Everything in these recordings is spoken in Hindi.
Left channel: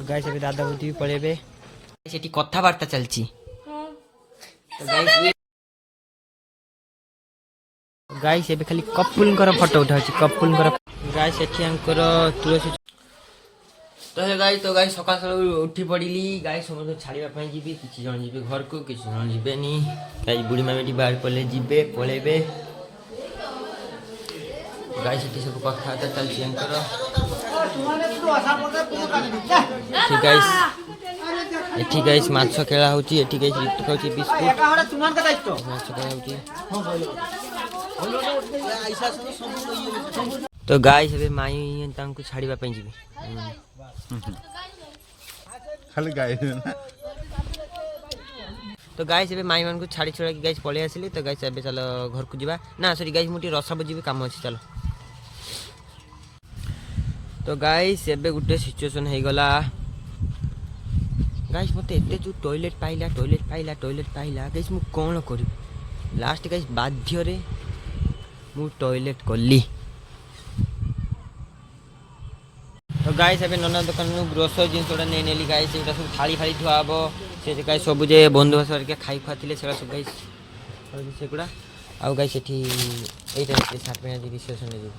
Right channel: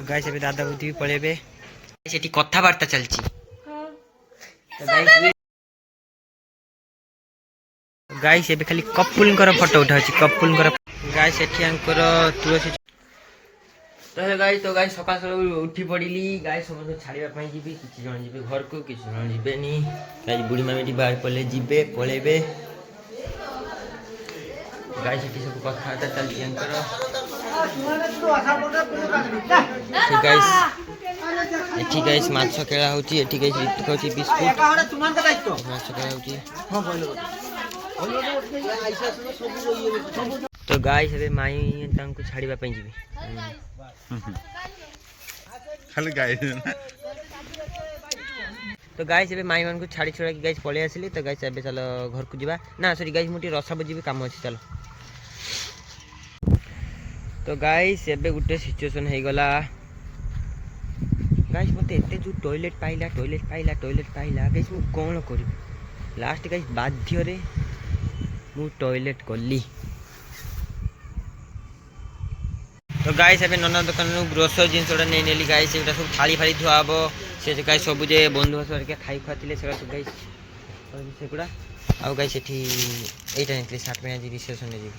तो गाइस अभी दादा बुद्धि भी पळेबे सेठी कथाबार्ता चलची तो गाइस एबे खाली कपुलंकर फोटो उठाउची कपुलंकर गाइस सेठी अंकर तुलसी तो गाइस सकाळ सकाळ उठी पड़िली गाइस समस्त छाड़िया पई जीबी किछि जण जीबे घर को किछि जण जीबेनी गाइस बुढ़ी मामेटी बाहर पले जीबे पळेबे गाइस सेठी सब कथाबार्ता चलची अंकर गाइस एठी गाइस माछ खेला होची एठी गाइस ऋतु खाउची बिस्कुट माछ खेला होची तो गाइस अबे माई तांको छाड़ीबा पई जीबी खाली गाय तो गाइस एबे माई मन को छाड़ी छोड़ा कि गाइस पळे आसिली तो गाइस एबे चलो घर को जीवा ना सॉरी गाइस मुटी रसा बजीबी काम अछि चलो तो गाइस एबे गुटे सिचुएशन हे गला गाइस मते एते जो टॉयलेट पाइला गाइस मु कोन करी लास्ट गाइस बाध्य रे मु टॉयलेट करली तो गाइस एबे नन्ना दुकान नु ग्रोसरी जिंस ओडा नै नेली गाइस एटा सब थाली फाली धुआ हबो से गाइस सब जे बंधु हसर के खाइ खातिले सेरा सब गाइस और सेकुडा आ गाइस एठी एटा नेली 60 में जी रिसेप्शन ने जी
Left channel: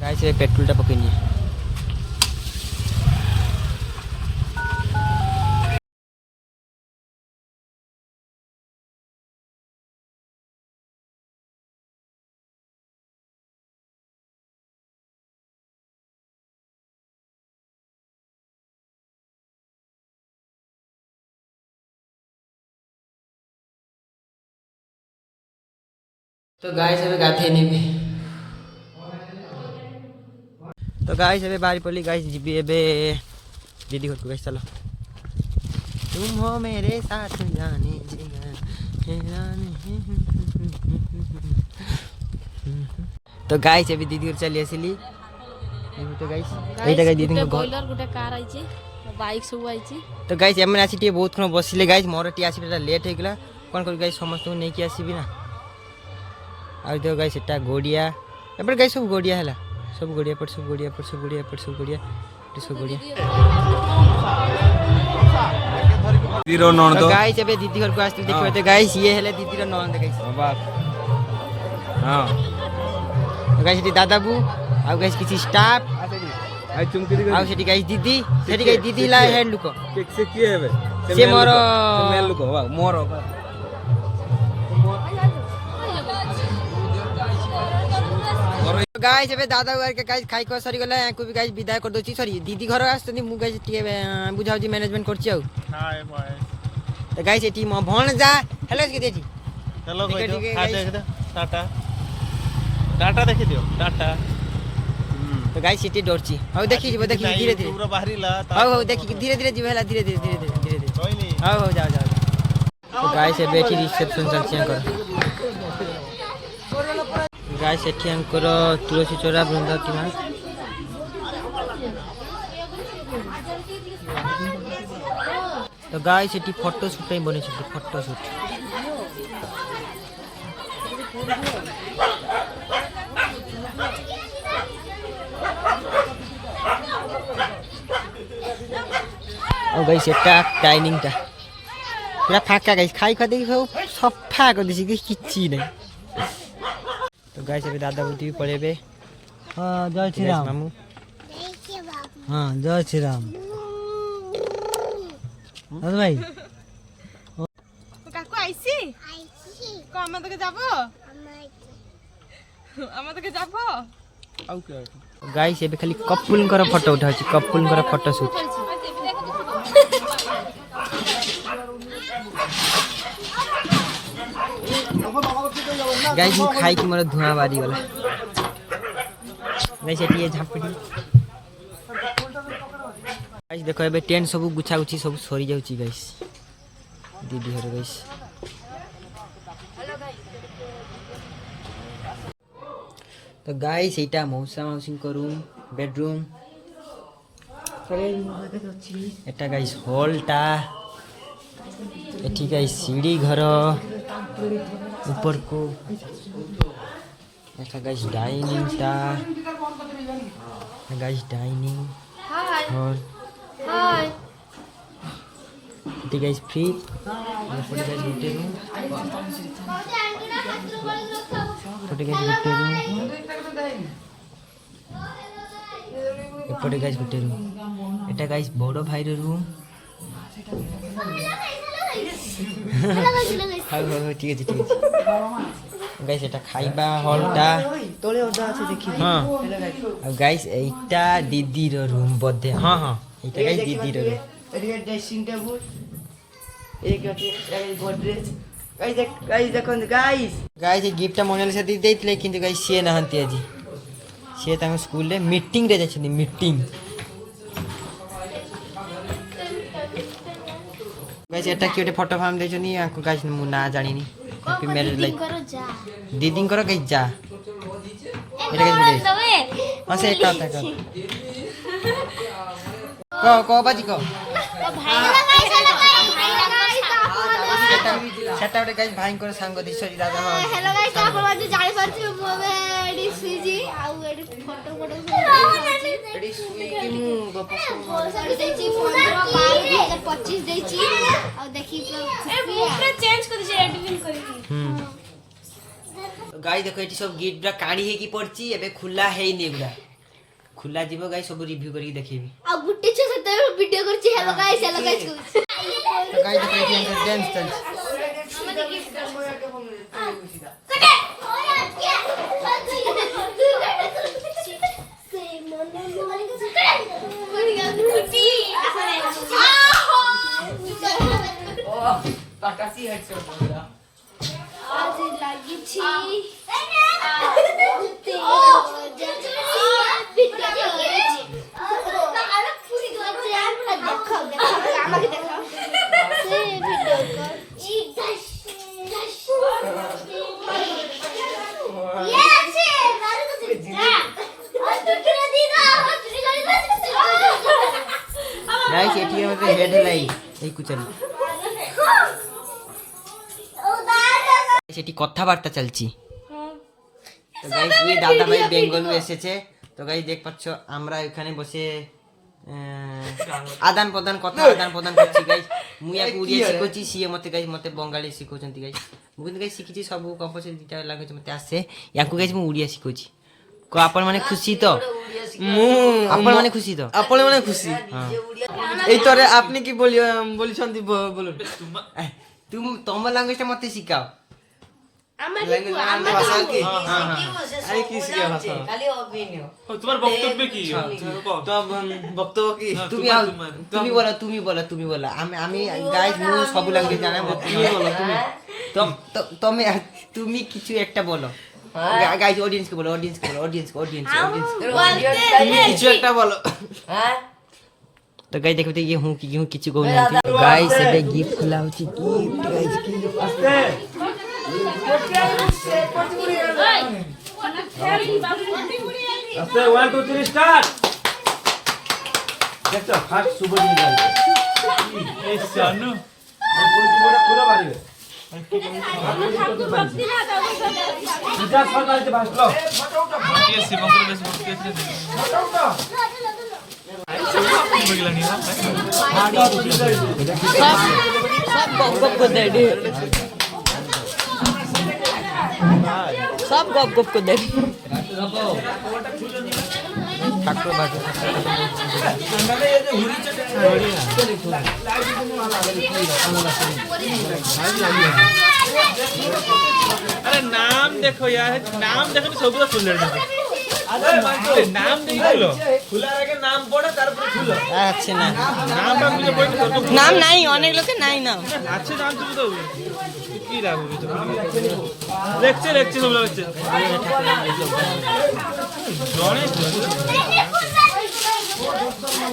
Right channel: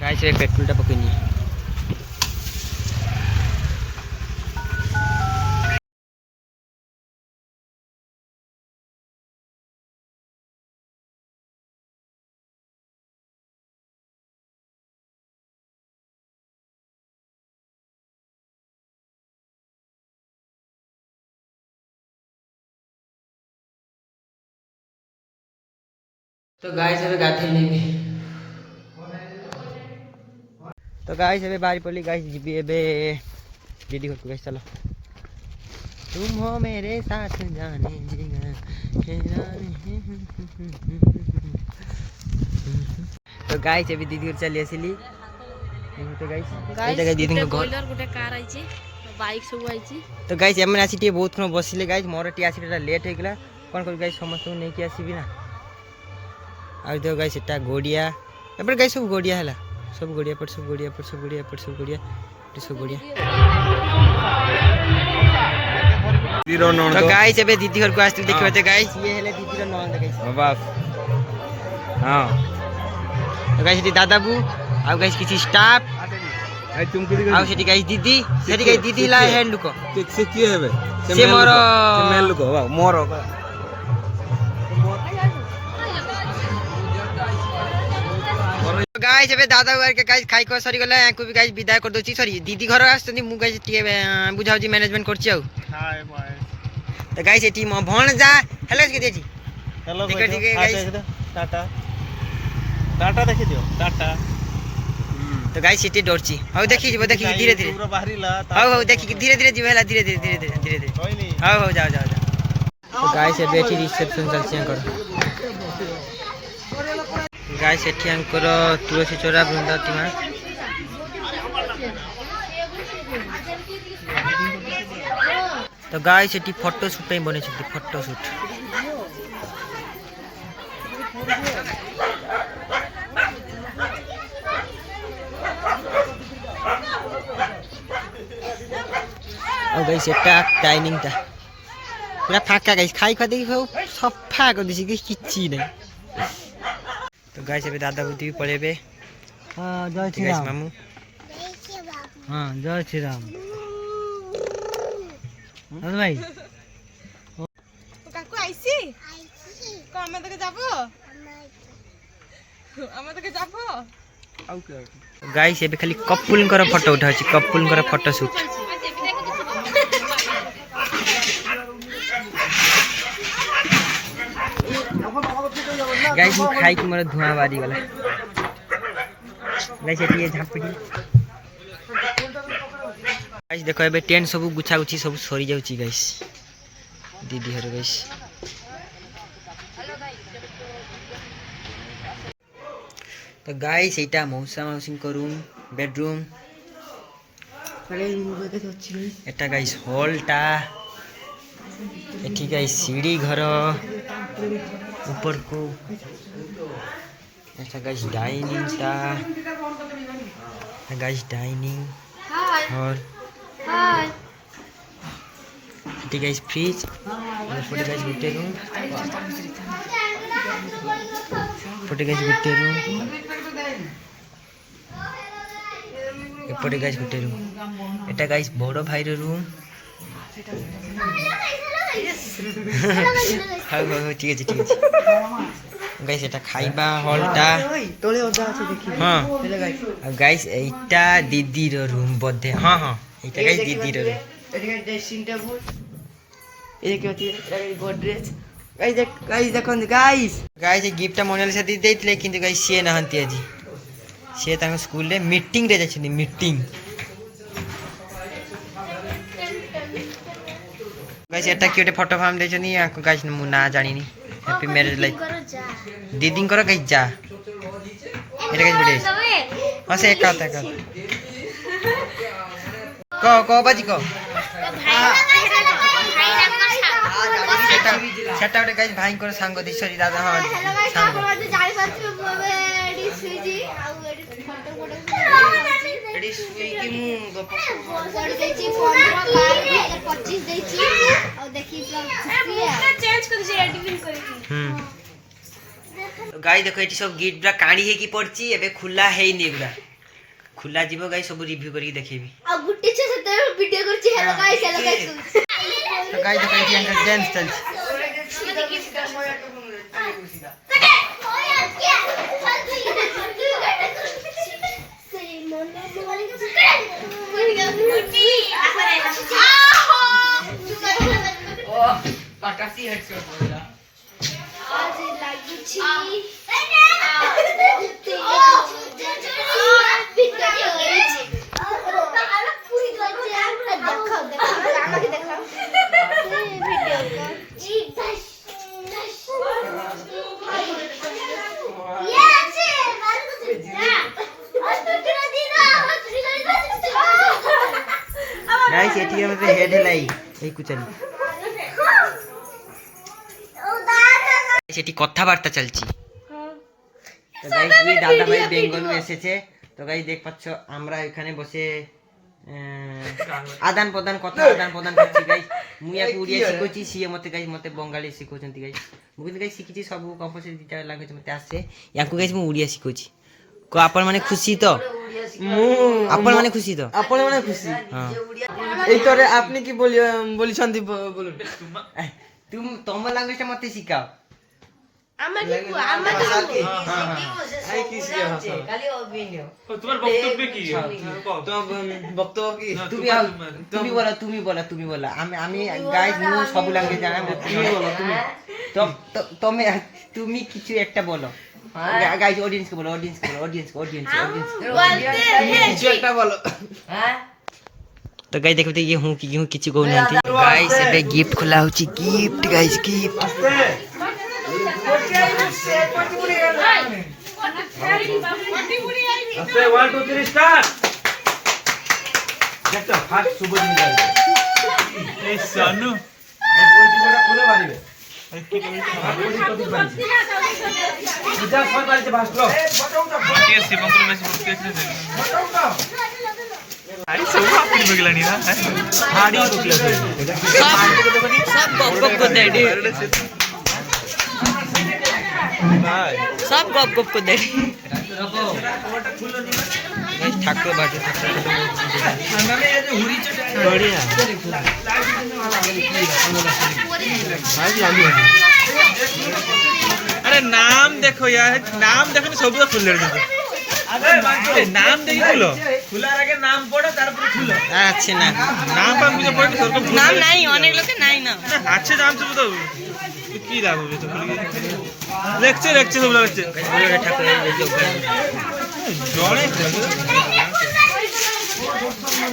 गाइस ए पेट्रोलटा पकइनी तो गाइस एबे गाथे नेबी तो गाइस एबे बारी पड़ली गाइस जीबी एबे दीदी घर को गाइस चलो तुम हो मेरे साथ जाने जिगर तो गाइस एबे दीदी घर चली आसिली तो गाइस एटा गाइस दीदी को बोलर गुटे कार आइची बाइक सब आइची तो गाइस एमन आसी टी बहुत खन बसिले गाइस मोर टी आसी लेट हे गेला कोन कर गाइस समस्त को नै कि आसीबी ना आ तो गाइस एटा गोडिया एपर गाइस सब गोडिया हला सब गोडिया पर सब गोडिया पर सब गोडिया पर सब गोडिया तो सब गोडिया तो गाइस एबे दीदी घर को आस्ती देखबे तो गाइस ये हेले दीदी रो नंद गाइस बाबा हां तो गाइस दी दादाबू आ गाइस किछि स्टाफ आ तुमको आ सेठी गाइस दीदी ला हैंड लुको से की हेबे से मोर मेल लुको मोर गाइस एबे दादा घर के गाइस खाइ को सरी गला को भी गाइस विदाय कर दोची सॉरी दीदी घर आस्तनी मु गाइस टी बुझाउ जी मैनेजमेंट करची आउ हाय बाय तो गाइस एटी म भण जा हेलो के देची हेलो ठीक है गाइस टाटा टाटा देखि दियो टाटा तो गाइस एटी डरची हाउ देखि धीरे धीरे पूरा बाहरीला हाउ देखि धीरे धीरे जीवेला धीरे कोई नहीं हाउ जाओ तो गाइस एबे एटी रिसेप्शन चलची कर गाइस एठी अंकर तुलसी चोरा बृंदावती मां तो गाइस एठी फोटो शूट पे बने छथि फोटो शूट और गाइस एटा डाइनिंग ता पूरा फाका गाइस खाइ खा देखि सफा कर दिछि किछि नै तो गाइस अबे दादा बुद्धि भी पळेबे हां जय श्री राम मामू हां जय श्री राम अरे भाई काकू आइसी को हम तक जाबो आउ के गाइस एबे खाली कपुलंकर फोटो उठाउची कपुलंकर फोटो शूट गाइस मु खाइ कि मोर धुआं बारी गला गाइस एटी झापड़ी गाइस देखो एबे टेंट सब गुछा गुछी सब सरी जाउची गाइस दीदी हर गाइस तो गाइस एटा मौसा मौसिन को रूम बेडरूम एटा गाइस हॉलटा एठी गाइस सीढ़ी घर ऊपर को আচ্ছা গাইস ডাইনিংটা গাইস ডাইনিং হল এটি গাইস ফ্রিজ এরপরে গাইস গোটে রুম এপটে গাইস গোটে রুম এপটে গাইস গোটে রুম এটা গাইস বড় ভাইর রুম হ্যাঁ ঠিক আছে গাইস এটা খাইবা হলটা হ্যাঁ আর গাইস এইটা দিদির রুম বদ্ধে হ্যাঁ এইটা গাইস দিদির রুম ড্রেসিং টেবিল এদিকে গোদরেজ গাইস দেখুন গাইস এই গিফটটা মোনালিসা দিদি ଦେଇଥିଲେ କିନ୍ତୁ ଗାଇସ୍ ସିଏ ନାହାନ୍ତି ଆଜି ସିଏ ତାଙ୍କ ସ୍କୁଲରେ ମିଟିଂରେ ଯାଇଛନ୍ତି ମିଟିଂ ଗାଇସ୍ ଏଟା କି ଗୋଟେ ଫଟୋ ଫାର୍ମ ଦେଇଛନ୍ତି ଆଙ୍କୁ ଗାଇସ୍ ମୁଁ ନା ଜାଣିନି ହ୍ୟାପି ମ୍ୟାରେଜ୍ ଲାଇଫ୍ ଦିଦିଙ୍କର ଗାଇସ୍ ଯା ଏଟା ଗାଇସ୍ ଗୋଟେ ହଁ ସେ ଏକା କ ବାଜି କ সেটা ଗୋଟେ গাইস ଭାଇଙ୍କର ସାଙ୍ଗ ଦିଶରୀ ଦାଦା ହଁ ସାଙ୍ଗ ଏଡି ସୁଇକି ମୁଁ ଗପ ଗାଇ ଦେଖ ଏଠି ସବୁ ଗିଫ୍ଟ ଗୁଡା କାଣି ହେଇକି ପଡିଛି ଏବେ ଖୋଲା ହେଇନି ଏଗୁଡା ଖୋଲା ଯିବ ଗାଇ ସବୁ ରିଭ୍ୟୁ କରିକି ଦେଖେଇବି ଆଉ ଗୁଟେ ଛେ ସେତେ ଭିଡିଓ କରୁଛି ହେଲୋ ଗାଇସ୍ ତ ଗାଇ ଦେଖ ଏଠି ଆଙ୍କର ଡ୍ୟାନ୍ସ ଚାଲିଛି ପାକାସି ହେଡସୋ ବୋଲା ଆଜି ଲାଗିଛି गाइस एठी मते हेड लाई এই কুচালি সেটি কথাবার্তা চলছি তো গাইস এই দাদা ভাই বেঙ্গলু এসেছে তো গাইস দেখ পাচ্ছ আমরা এখানে বসে আদান প্রদান কথা আদান প্রদান করছি গাইস মুই ইয়াকে উড়িয়া শিখোছি সিଏ মতে গাইস মতে বঙ্গালী শিখোଛନ୍ତି গাইস ମୁଁ କିନ୍ତୁ ଗାଇସ୍ ଶିଖିଛି ସବୁ କମ୍ପଲସରି ଦିଟା ଲାଙ୍ଗୁଏଜ ମତେ ଆସେ ୟାଙ୍କୁ ଗାଇସ୍ ମୁଁ ଓଡ଼ିଆ ଶିଖୋଛି କ ଆପଣ ମାନେ ଖୁସି ତ ମୁଁ ଆପଣ ମାନେ ଖୁସି ତ ଆପଣ ମାନେ ଖୁସି ହଁ এই তরে আপনি কি বলিছন্তি বলুন তুম তম ଲାଙ୍ଗୁଏଜଟା ମତେ ଶିଖାଅ আমাকে আমাকে আই কি শিখা ভাষা খালি অভিনয় তোমার বক্তব্য কি তো বক্তব্য কি তুমি বলো আমি গাইস মু সব ল্যাঙ্গুয়েজ জানা মতে তুমি বলো তুমি তুমি কিছু একটা বলো গাইস অডিয়েন্স কে বলো অডিয়েন্স তুমি কিছু একটা বলো তো গাইস দেখো তো হু কিছু কহু নাंती গাইস এবে গিফট খোলা হচ্ছে গিফট গাইস গিফট আস্তে 1 2 3 স্টার্ট দেখো ফার্স্ট শুভ দিন যাই এই সানু পুরো মারিবে যা সরকারিতে ভাষলো মাটিয়ে শিবঙ্কর বেশি ভক্তি আছে বগলানি না হাড়ি বগলা সব গপ को दे दे सब गप को दे ठाकुर बाटे अरे नाम देखो यार नाम देखो सब तो खुले अरे नाम देखलो खुला रे नाम पड़े तार पर खुलो अच्छे ना नाम पर मुझे पड़े नाम नहीं अनेक लोग नहीं ना अच्छे नाम सब तो কি লাভ হবে তো লেকচার সব লাগছে ঠাকুর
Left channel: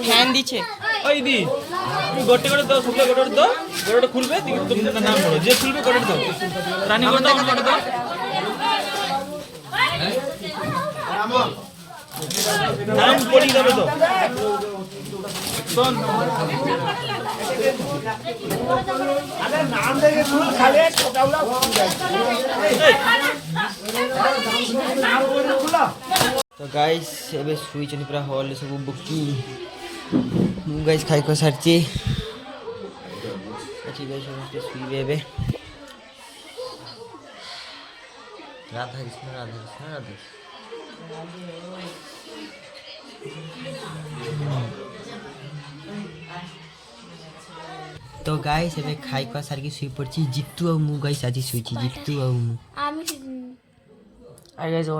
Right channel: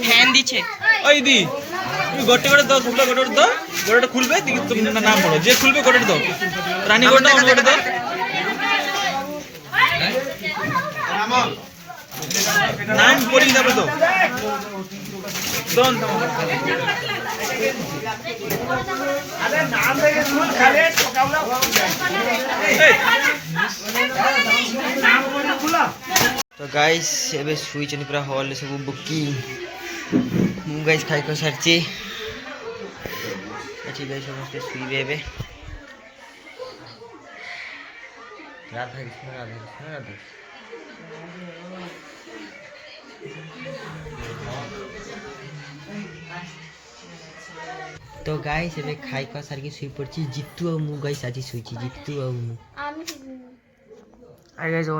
ফ্যান দিছে ওই দি তুমি গোটে গোটে দাও সব গোটে দাও গোটে খুলবে তুমি নাম পড়ো যে খুলবে গোটে দাও রানী গোটে গোটে দাও নাম বলি দেবো তো শোন তো গাইস ଏବେ ଶୋଇଛନ୍ତି ପୁରା ହଲ୍ରେ ସବୁ ବୁକିଂ ମୁଁ ଗାଇସ୍ ଖାଇ ଖୁଆ ସାରିଛି ଏଠି ଗାଇସ୍ ସମସ୍ତେ ଶୋଇବେ ଏବେ ରାଧା କୃଷ୍ଣ ରାଧା କୃଷ୍ଣ ରାଧା ତ ଗାଇସ୍ ଏବେ ଖାଇ ଖୁଆ ସାରିକି ଶୋଇ ପଡ଼ିଛି ଜିତୁ ଆଉ ମୁଁ ଗାଇସ୍ ଆଜି ଶୋଇଛି ଜିତୁ ଆଉ ମୁଁ আমি ଆଇ ଗାଇସ୍